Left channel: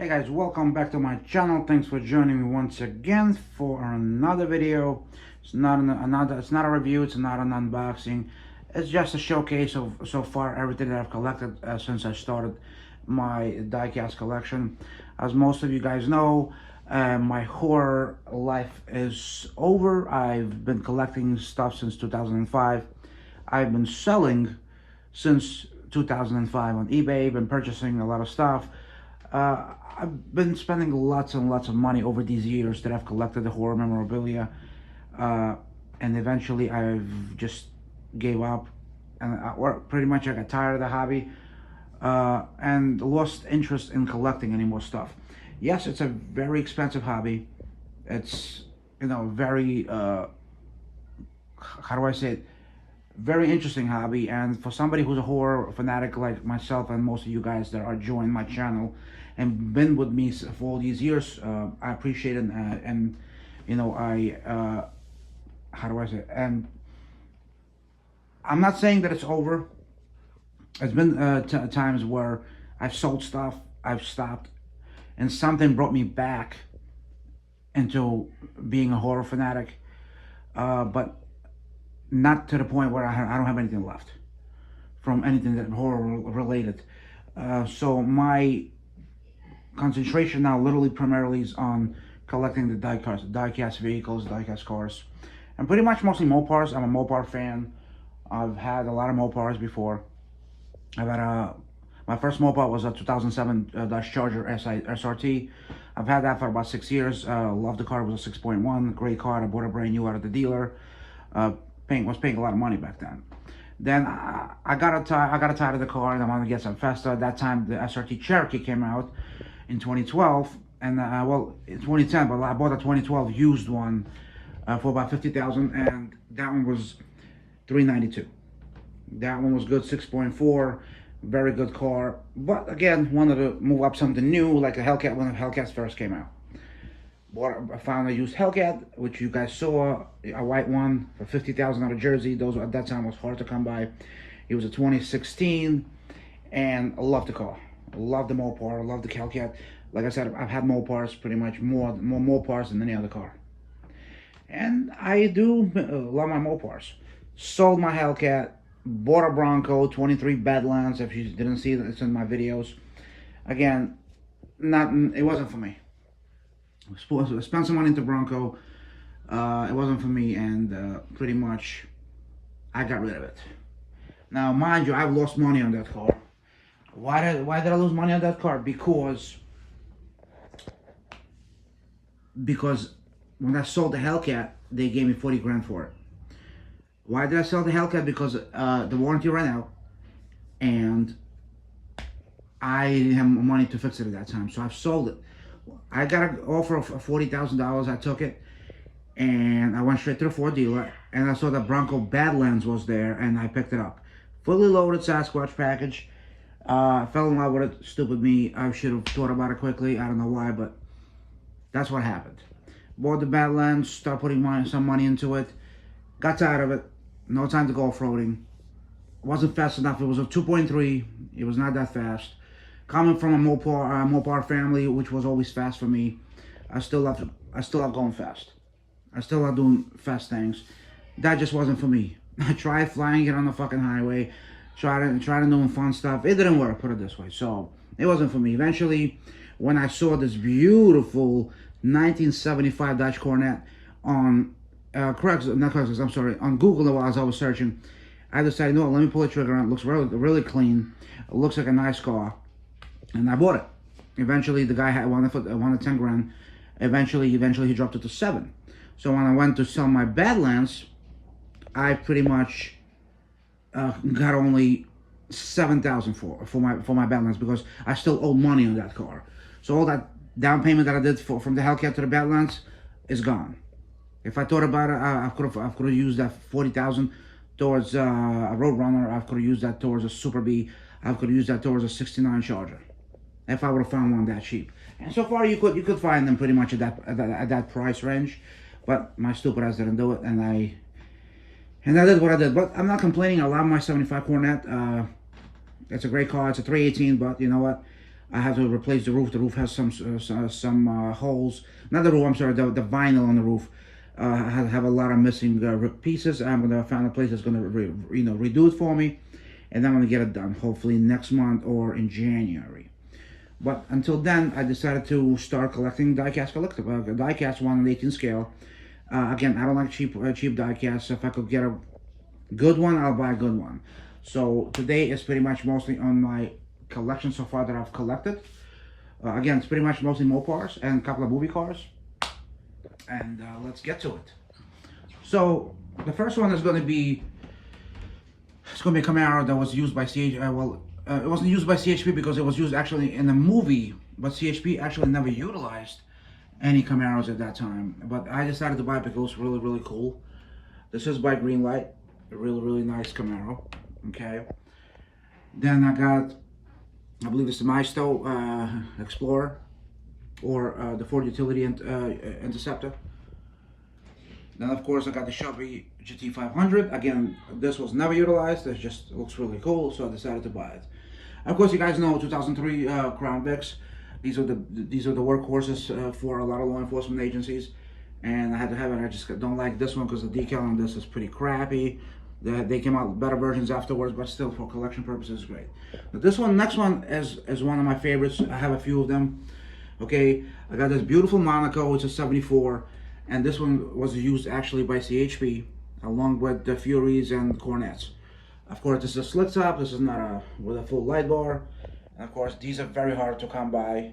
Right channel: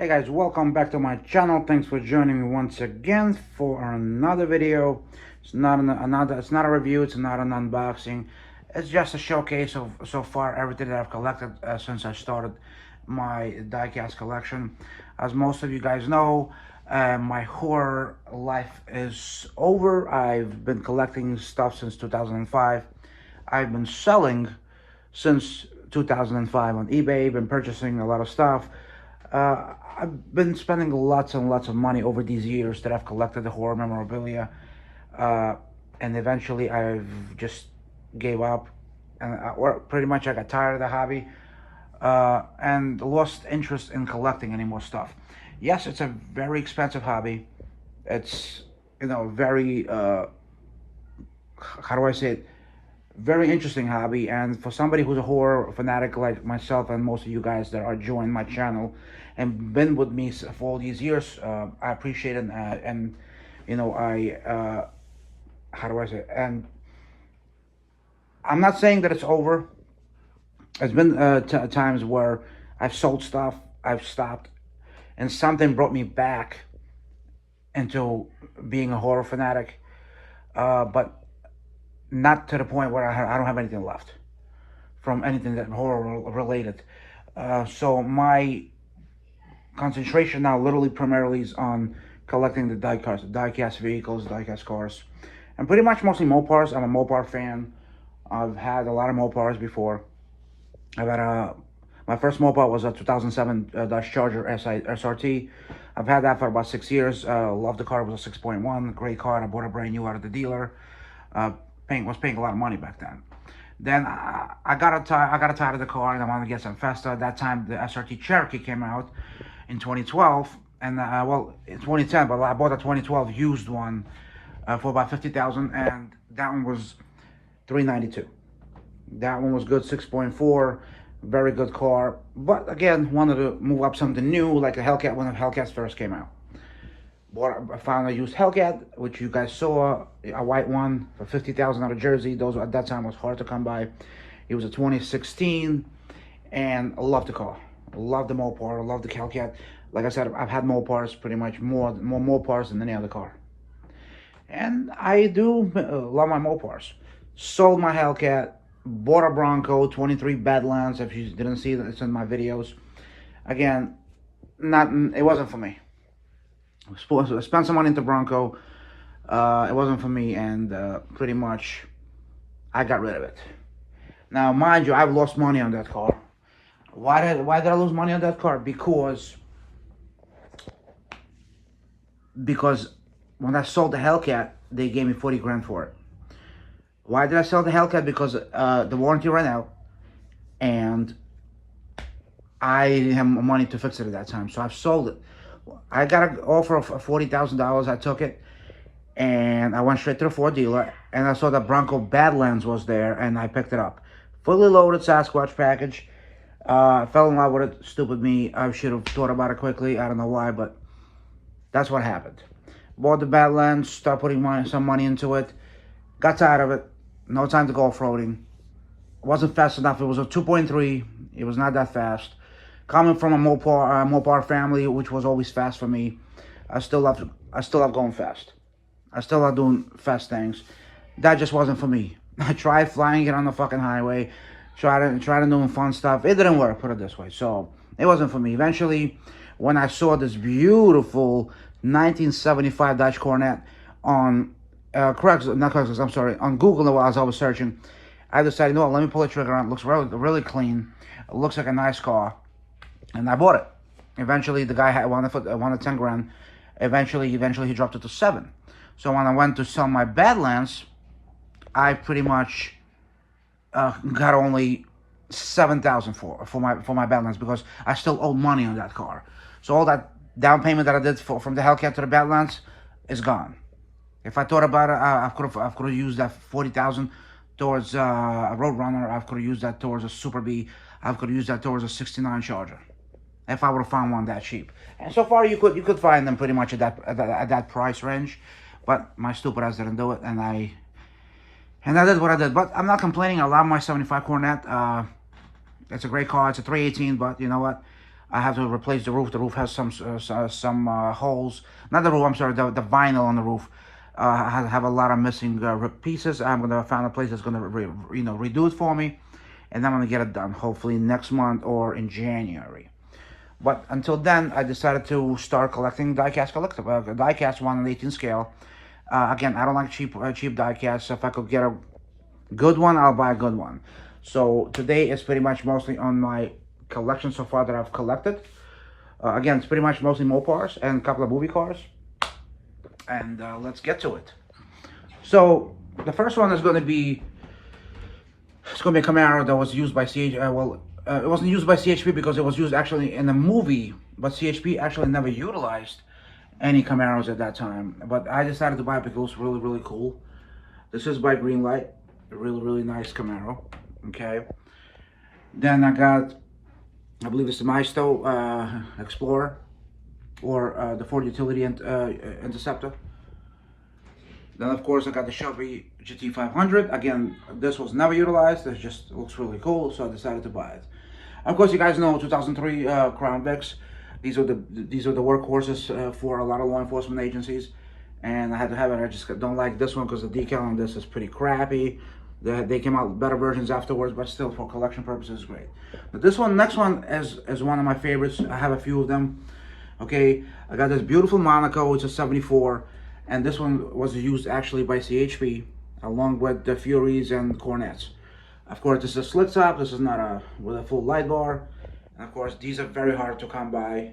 Hey guys, welcome back to my channel. Thanks for joining me once again for another video. It's not it's not a review, it's not an unboxing. It's just a showcase of so far everything that I've collected since I started my diecast collection. As most of you guys know, my horror life is over. I've been collecting stuff since 2005. I've been selling since 2005 on eBay, been purchasing a lot of stuff. I've been spending lots and lots of money over these years that I've collected the horror memorabilia, and eventually I've just gave up, and or pretty much I got tired of the hobby, and lost interest in collecting any more stuff. Yes, it's a very expensive hobby. It's, very, how do I say it? Very interesting hobby, and for somebody who's a horror fanatic like myself and most of you guys that are joined my channel and been with me for all these years, I appreciate it, and how do I say it? And I'm not saying that it's over. There's been times where I've sold stuff, I've stopped, and something brought me back into being a horror fanatic, but not to the point where I don't have anything left from anything that horror related. So my concentration now literally primarily is on collecting the diecast vehicles, diecast cars, and pretty much mostly Mopars. I'm a Mopar fan. I've had a lot of Mopars before. I've had my first Mopar was a 2007 Dodge Charger SRT. I've had that for about 6 years. Loved the car. It was a 6.1, great car, and I bought it brand new out of the dealer. Was paying a lot of money back then. Then I got tired of the car, and I wanted to get some faster. At that time, the SRT Cherokee came out in 2012, and well, in 2010, but I bought a 2012 used one for about $50,000, and that one was $392. That one was good, 6.4, very good car. But again, wanted to move up something new, like a Hellcat when the Hellcats first came out. I found a used Hellcat, which you guys saw, a white one for $50,000 out of Jersey. Those at that time was hard to come by. It was a 2016, and I loved the car. I love the Mopar, I love the Hellcat. Like I said, I've had Mopars pretty much more Mopars than any other car. And I do love my Mopars. Sold my Hellcat, bought a Bronco, 23 Badlands. If you didn't see it, it's in my videos. Again, it wasn't for me. I spent some money into Bronco. It wasn't for me, and pretty much I got rid of it. Now, mind you, I've lost money on that car. Why did I lose money on that car? Because when I sold the Hellcat, they gave me 40 grand for it. Why did I sell the Hellcat? Because the warranty ran out, and I didn't have money to fix it at that time, so I've sold it. I got an offer of $40,000. I took it, and I went straight to the Ford dealer, and I saw that Bronco Badlands was there, and I picked it up. Fully loaded Sasquatch package. I fell in love with it. Stupid me. I should have thought about it quickly. I don't know why, but that's what happened. Bought the Badlands, started putting some money into it. Got tired of it. No time to go off-roading. Wasn't fast enough. It was a 2.3. It was not that fast. Coming from a Mopar family, which was always fast for me, I still love going fast. I still love doing fast things. That just wasn't for me. I tried flying it on the fucking highway, tried doing fun stuff. It didn't work, put it this way. So it wasn't for me. Eventually, when I saw this beautiful 1975 Dodge Coronet on on Google while I was searching, I decided, no, let me pull the trigger on. It looks really clean. It looks like a nice car. And I bought it. Eventually, the guy wanted 10 grand. Eventually he dropped it to 7. So when I went to sell my Badlands, I pretty much got only 7,000 for my Badlands, because I still owed money on that car. So all that down payment that I did from the Hellcat to the Badlands is gone. If I thought about it, I could have used that 40,000 towards a Roadrunner. I could have used that towards a Super B. I could have used that towards a 69 Charger, if I would have found one that cheap. And so far, you could find them pretty much at that price range, but my stupid ass didn't do it, and I did what I did. But I'm not complaining. I love my 75 Coronet. It's a great car. It's a 318, but you know what? I have to replace the roof. The roof has some holes. Not the roof. I'm sorry. The vinyl on the roof have a lot of missing pieces. I'm gonna find a place that's gonna redo it for me, and I'm gonna get it done. Hopefully next month or in January. But until then, I decided to start collecting diecast diecast 1/18 scale. Again, I don't like cheap diecast. So if I could get a good one, I'll buy a good one. So today is pretty much mostly on my collection so far that I've collected. Again, it's pretty much mostly Mopars and a couple of movie cars. And let's get to it. So the first one is going to be, it's going to be a Camaro that was used by it wasn't used by CHP because it was used actually in a movie, but CHP actually never utilized any Camaros at that time. But I decided to buy it because it was really, really cool. This is by Greenlight, a really, really nice Camaro. Okay. Then I got, I believe it's the Maestro Explorer, or the Ford Utility Interceptor. Then of course I got the Shelby GT500. Again, this was never utilized. It just looks really cool, so I decided to buy it. Of course, you guys know 2003 Crown Vics. These are the workhorses for a lot of law enforcement agencies, and I had to have it. I just don't like this one because the decal on this is pretty crappy. They came out with better versions afterwards, but still for collection purposes, great. But this one, next one, is one of my favorites. I have a few of them. Okay, I got this beautiful Monaco. It's a 74, and this one was used actually by CHP along with the Furies and Cornets. Of course, this is a slit top. This is not with a full light bar. And of course, these are very hard to come by.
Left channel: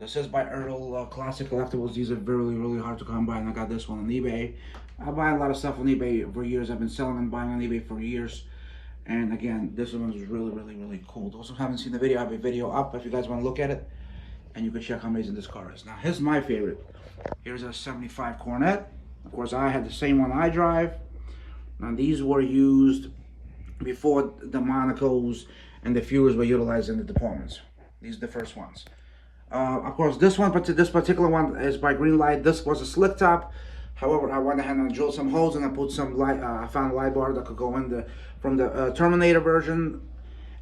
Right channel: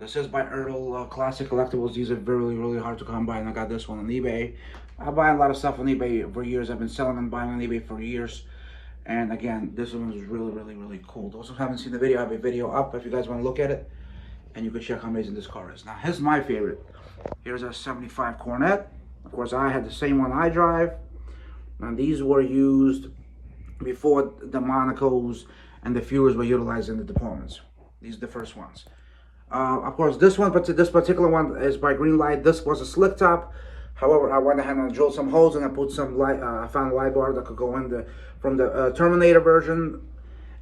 This is by Ertl Classic Collectibles. These are really, really hard to come by, and I got this one on eBay. I buy a lot of stuff on eBay for years. I've been selling and buying on eBay for years. And again, this one was really, really, really cool. Those who haven't seen the video, I have a video up if you guys want to look at it. And you can check how amazing this car is. Now, here's my favorite. Here's a 75 Cornet. Of course, I had the same one I drive. And these were used before the Monacos and the Furies were utilized in the departments. These are the first ones. Of course, this particular one is by Greenlight. This was a slick top. However, I went ahead and drilled some holes and I put some light. I found a light bar that could go in from the Terminator version,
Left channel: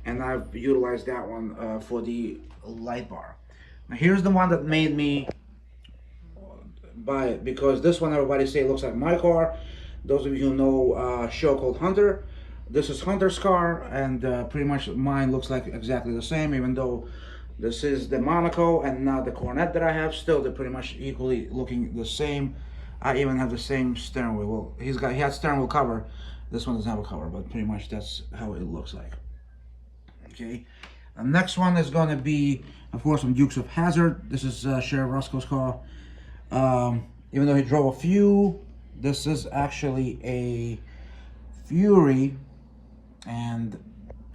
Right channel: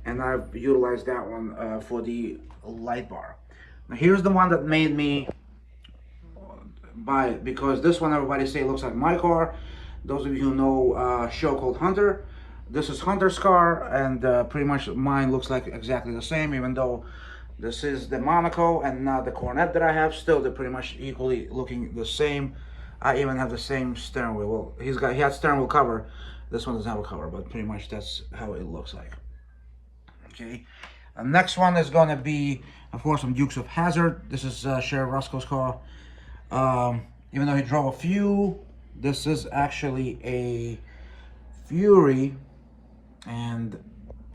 and I've utilized that one for the light bar. Now, here's the one that made me buy it, because this one everybody say looks like my car. Those of you who know a show called Hunter, this is Hunter's car, and pretty much mine looks like exactly the same, even though this is the Monaco and not the Cornet that I have. Still, they're pretty much equally looking the same. I even have the same steering wheel. Well, he had steering wheel cover. This one doesn't have a cover, but pretty much that's how it looks like. Okay. The next one is gonna be, of course, some Dukes of Hazzard. This is Sheriff Roscoe's car. Even though he drove a few, this is actually a Fury, and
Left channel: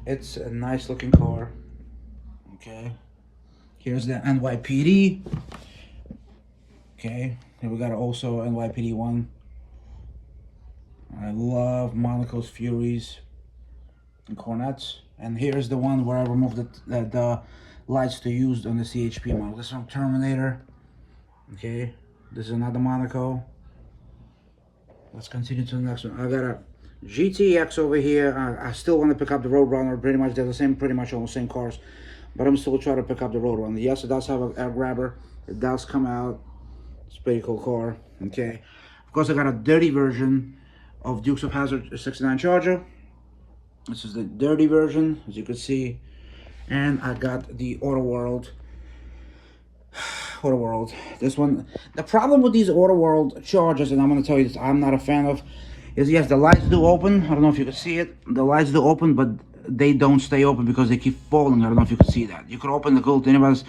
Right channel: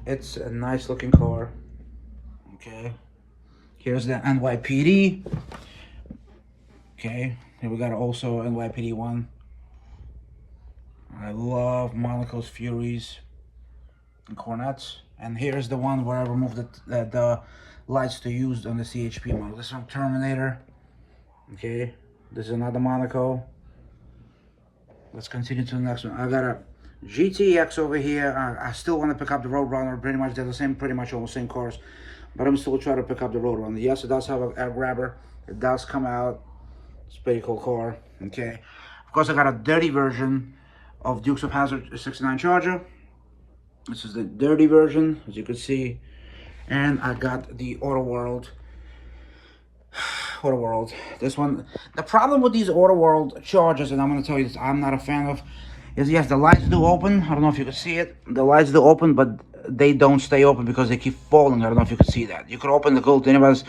it's a nice looking car. Okay. Here's the NYPD. Okay. Here we got also NYPD one. I love Monaco's Furies and Cornets. And here's the one where I removed the lights to use on the CHP model. This one, Terminator. Okay, this is another Monaco. Let's continue to the next one. I got a GTX over here. I still want to pick up the Roadrunner. Pretty much they're the same, pretty much all the same cars, but I'm still trying to pick up the Roadrunner. Yes, it does have a grabber. It does come out. It's a pretty cool car. Okay, of course I got a dirty version of Dukes of Hazzard 69 Charger. This is the dirty version, as you can see. And I got the Auto World. This one, the problem with these Auto World Chargers, and I'm going to tell you this, I'm not a fan of, is yes, the lights do open. I don't know if you can see it. The lights do open, but they don't stay open because they keep falling. I don't know if you can see that. You can open the gold anyways.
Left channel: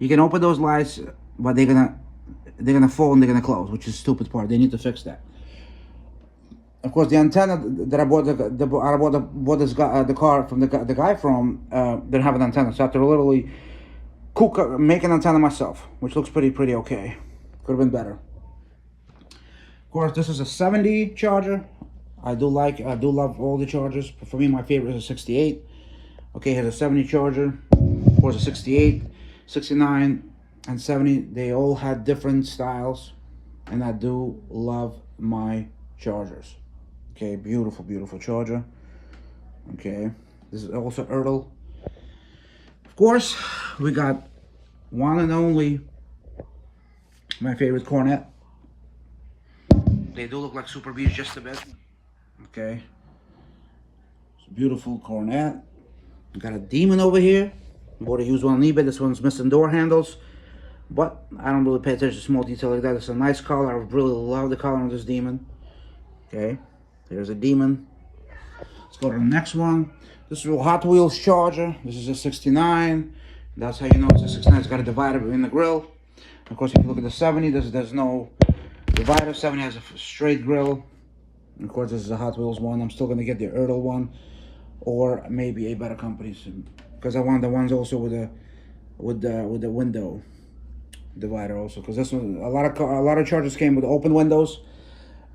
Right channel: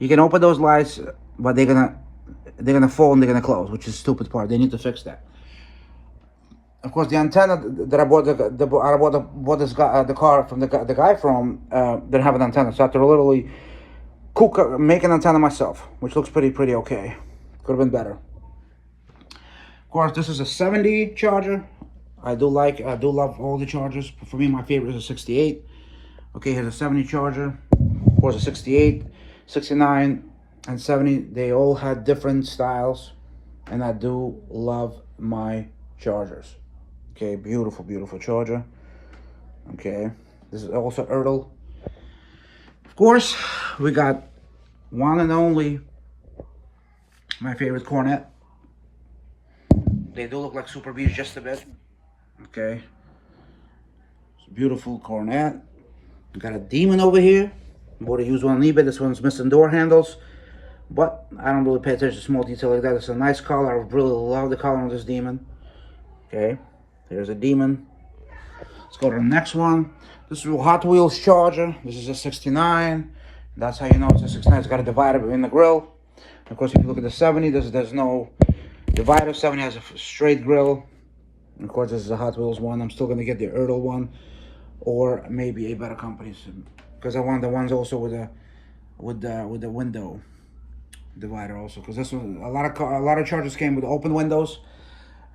You can open those lights, but they're gonna fall and they're gonna close, which is the stupid part. They need to fix that. Of course, the antenna that I bought the car from the guy from didn't have an antenna, so I had to literally make an antenna myself, which looks pretty okay. Could have been better. Of course, this is a 70 Charger. I do love all the Chargers. But for me, my favorite is a 68. Okay, here's a 70 Charger. Of course, a 68, 69, and 70. They all had different styles, and I do love my Chargers. Okay, beautiful Charger. Okay, this is also Ertl. Of course, we got one and only, my favorite Cornet. They do look like Super Bs just a bit. Okay. It's a beautiful Cornet. We got a Demon over here. Bought a used one on eBay. This one's missing door handles. But I don't really pay attention to small detail like that. It's a nice color. I really love the color on this Demon. Okay. Here's a Demon. Let's go to the next one. This is a Hot Wheels Charger. This is a 69. That's how you know it's a 69. It's got a divider in the grill. Of course, if you look at the 70, there's no divider. 70 has a straight grill. And of course, this is a Hot Wheels one. I'm still going to get the Ertl one, or maybe a better company, because I want the ones also with the window divider also. Because this one, a lot of Chargers came with open windows,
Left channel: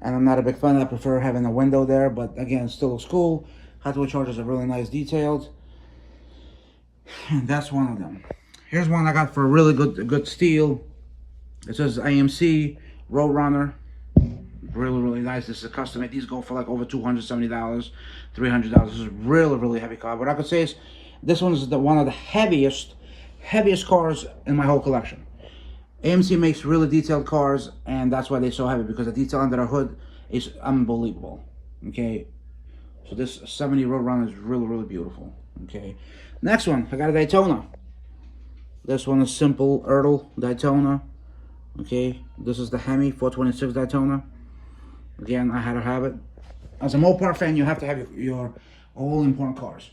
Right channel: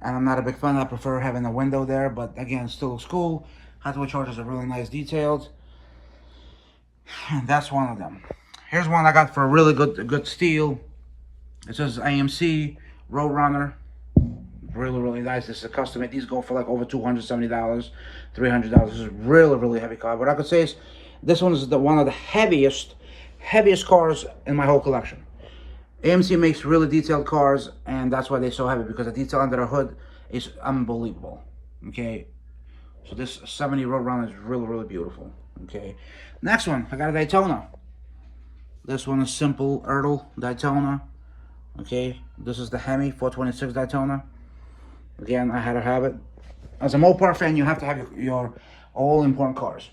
and I'm not a big fan. I prefer having a window there. But again, it still looks cool. Hot Wheels Chargers are really nice, detailed. And that's one of them. Here's one I got for a really good steal. It says AMC Roadrunner. Really nice. This is a custom made. These go for like over $270, $300. This is really heavy car. What I could say is this one is one of the heaviest cars in my whole collection. AMC makes really detailed cars, and that's why they're so heavy, because the detail under the hood is unbelievable. Okay, so this 70 Roadrunner is really beautiful. Okay, next one, I got a Daytona. This one is simple Ertl Daytona. Okay, this is the Hemi 426 Daytona. Again, I had to have it. As a Mopar fan, you have to have your all important cars.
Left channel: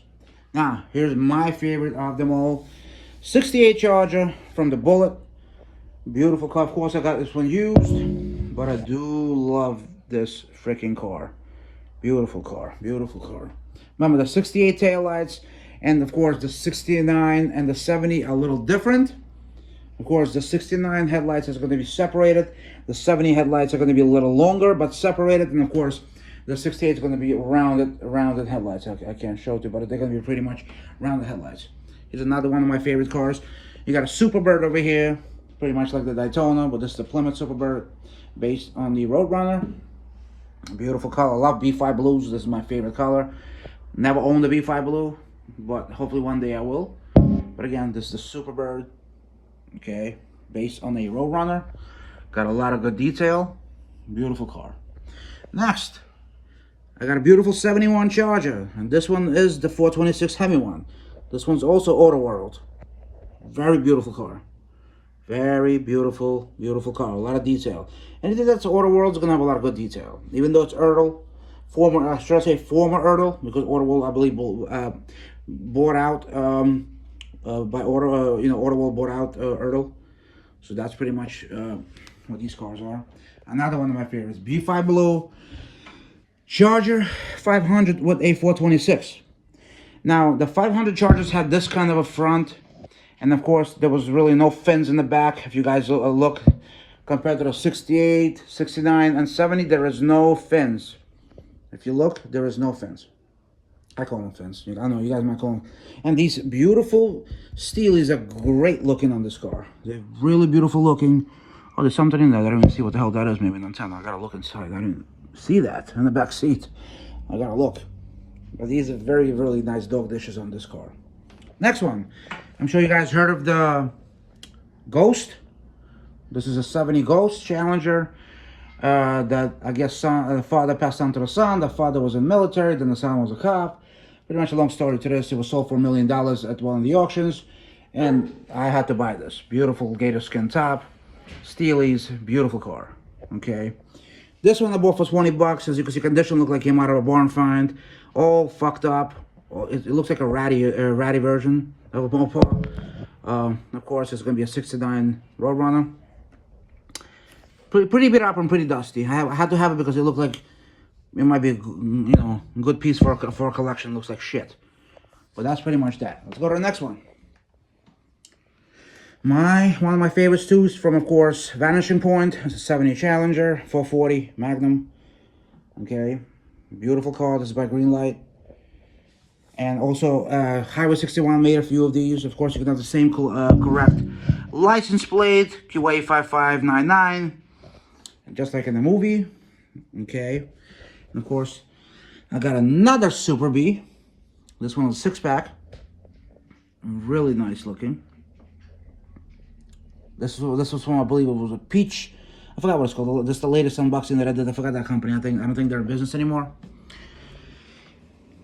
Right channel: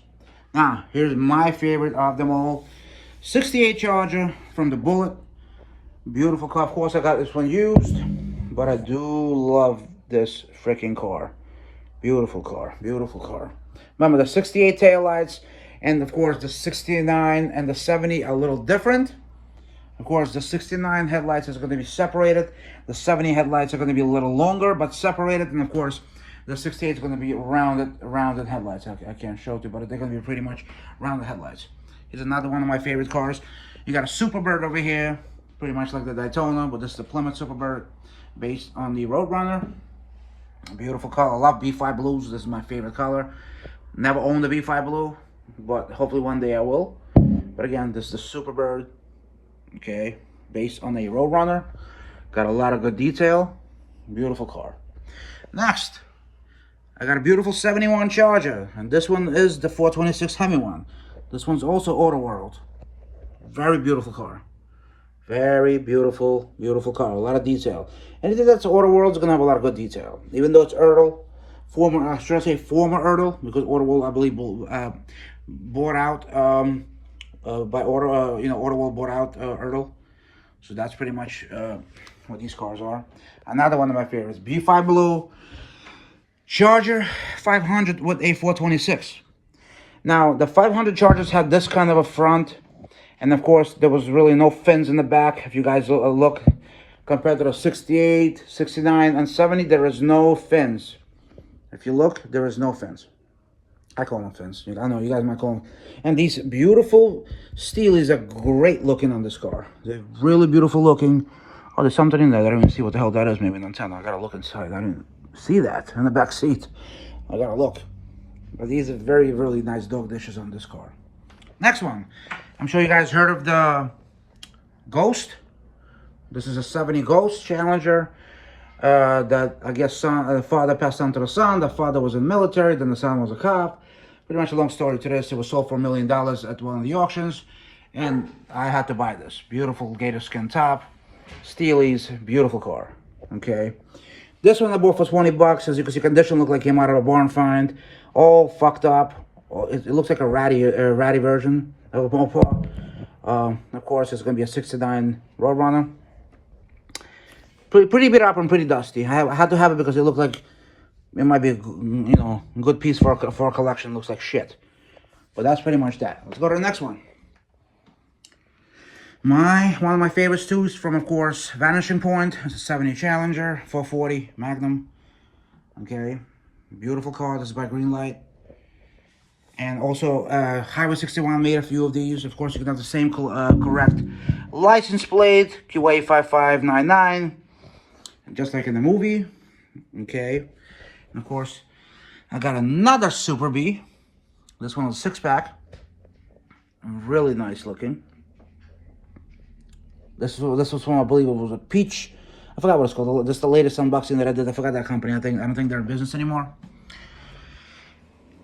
Now, here's my favorite of them all. 68 Charger from the Bullet. Beautiful car. Of course, I got this one used, but I do love this freaking car. Beautiful car. Remember, the 68 taillights, and of course, the 69 and the 70 are a little different. Of course, the 69 headlights is going to be separated. The 70 headlights are going to be a little longer, but separated. And of course, the 68 is going to be rounded headlights. I can't show it to you, but they're going to be pretty much rounded headlights. Here's another one of my favorite cars. You got a Superbird over here, pretty much like the Daytona, but this is the Plymouth Superbird, based on the Roadrunner. A beautiful color. I love B5 blues. This is my favorite color. Never owned the B5 blue, but hopefully one day I will. But again, this is the Superbird. Okay, based on a Roadrunner. Got a lot of good detail. Beautiful car. Next, I got a beautiful 71 Charger, and this one is the 426 Hemi one. This one's also Auto World. Very beautiful car. Very beautiful car. A lot of detail. Anything that's Auto World is gonna have a lot of good detail. Even though it's Ertl, former Ertl, because Auto World, I believe, bought out by Auto, Auto World bought out Ertl. So that's pretty much what these cars are. Another one of my favorites, B5 Blue Charger 500 with a 426. Now, the 500 Chargers had this kind of a front, and of course, there was really no fins in the back. If you guys look, compared to the 68, 69, and 70, there is no fins. If you look, there is no fins. I call them fins. I know you guys might call them. And these beautiful Steelies are great looking on this car. They're really beautiful looking. Oh, there's something in there. I don't even see what the hell that is. Maybe an antenna. I gotta look inside. I didn't see that in the back seat. I gotta look. But these are really nice dog dishes on this car. Next one. I'm sure you guys heard of the Ghost. This is a 70 Ghost Challenger. That I guess the father passed on to the son. The father was in the military, then the son was a cop. Pretty much a long story to this. It was sold for $1 million at one of the auctions, and I had to buy this. Beautiful gator skin top, Steelies, beautiful car. Okay, this one I bought for 20 bucks. As you can see, condition looked like it came out of a barn find, all fucked up. It looks like a ratty version of a Mopar. Of course, it's going to be a 69 Roadrunner. Pretty beat up and pretty dusty. I had to have it because it looked like it might be a good piece for a collection. Looks like shit, but that's pretty much that. Let's go to the next one. One of my favorites too is from, of course, Vanishing Point. It's a 70 Challenger 440 Magnum. Okay, beautiful car. This is by Greenlight. And also, Highway 61 made a few of these. Of course, you can have the same correct license plate, QA 5599. Just like in the movie. Okay. And of course, I got another Super B. This one is a 6-pack. Really nice looking. This was from, I believe it was a Peach. I forgot what it's called. This is the latest unboxing that I did. I forgot that company. I don't think they're in business anymore.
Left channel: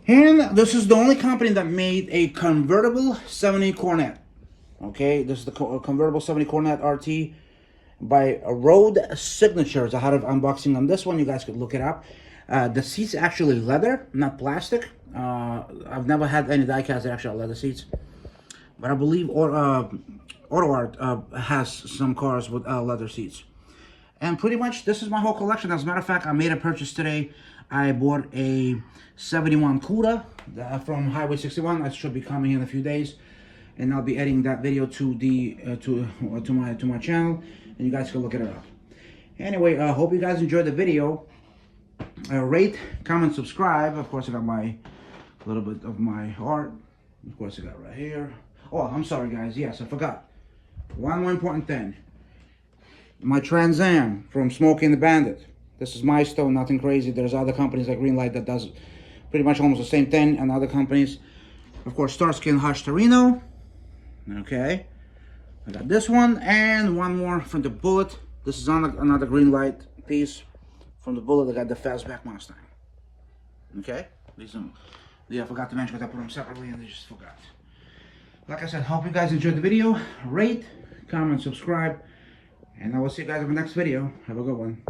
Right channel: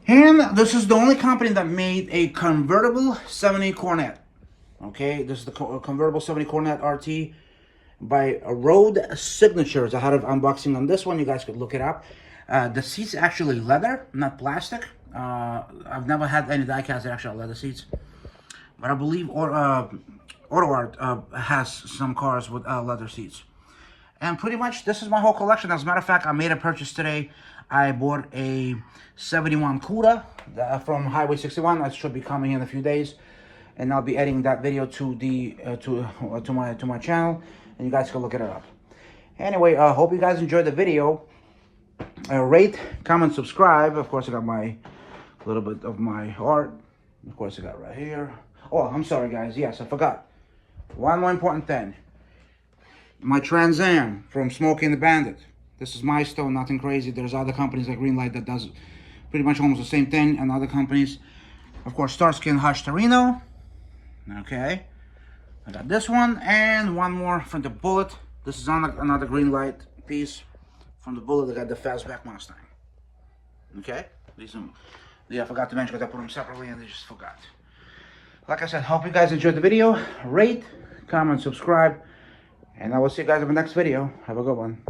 And this is the only company that made a convertible 70 Cornet. Okay, this is the convertible 70 Cornet RT by Road Signatures. I had an unboxing on this one. You guys could look it up. The seats actually leather, not plastic. I've never had any diecast that actually have leather seats, but I believe Auto Art has some cars with leather seats. And pretty much this is my whole collection. As a matter of fact, I made a purchase today. I bought a 71 Cuda from Highway 61. That should be coming in a few days, and I'll be editing that video to the to my channel, and you guys can look it up. Anyway, I hope you guys enjoyed the video. Rate, comment, subscribe. Of course, I got my little bit of my art. Of course, I got right here. Oh, I'm sorry, guys. Yes, I forgot. One more important thing. My Trans Am from Smokey and the Bandit. This is my stone, nothing crazy. There's other companies like Greenlight that does pretty much almost the same thing, and other companies. Of course, Starsky and Hutch Torino. Okay. I got this one, and one more from the Bullet. This is another Greenlight piece from the Bullet. I got the Fastback Mustang. Okay. I forgot to mention because I put them separately and I just forgot. Like I said, hope you guys enjoyed the video. Rate, comment, subscribe. And I will see you guys in the next video. Have a good one.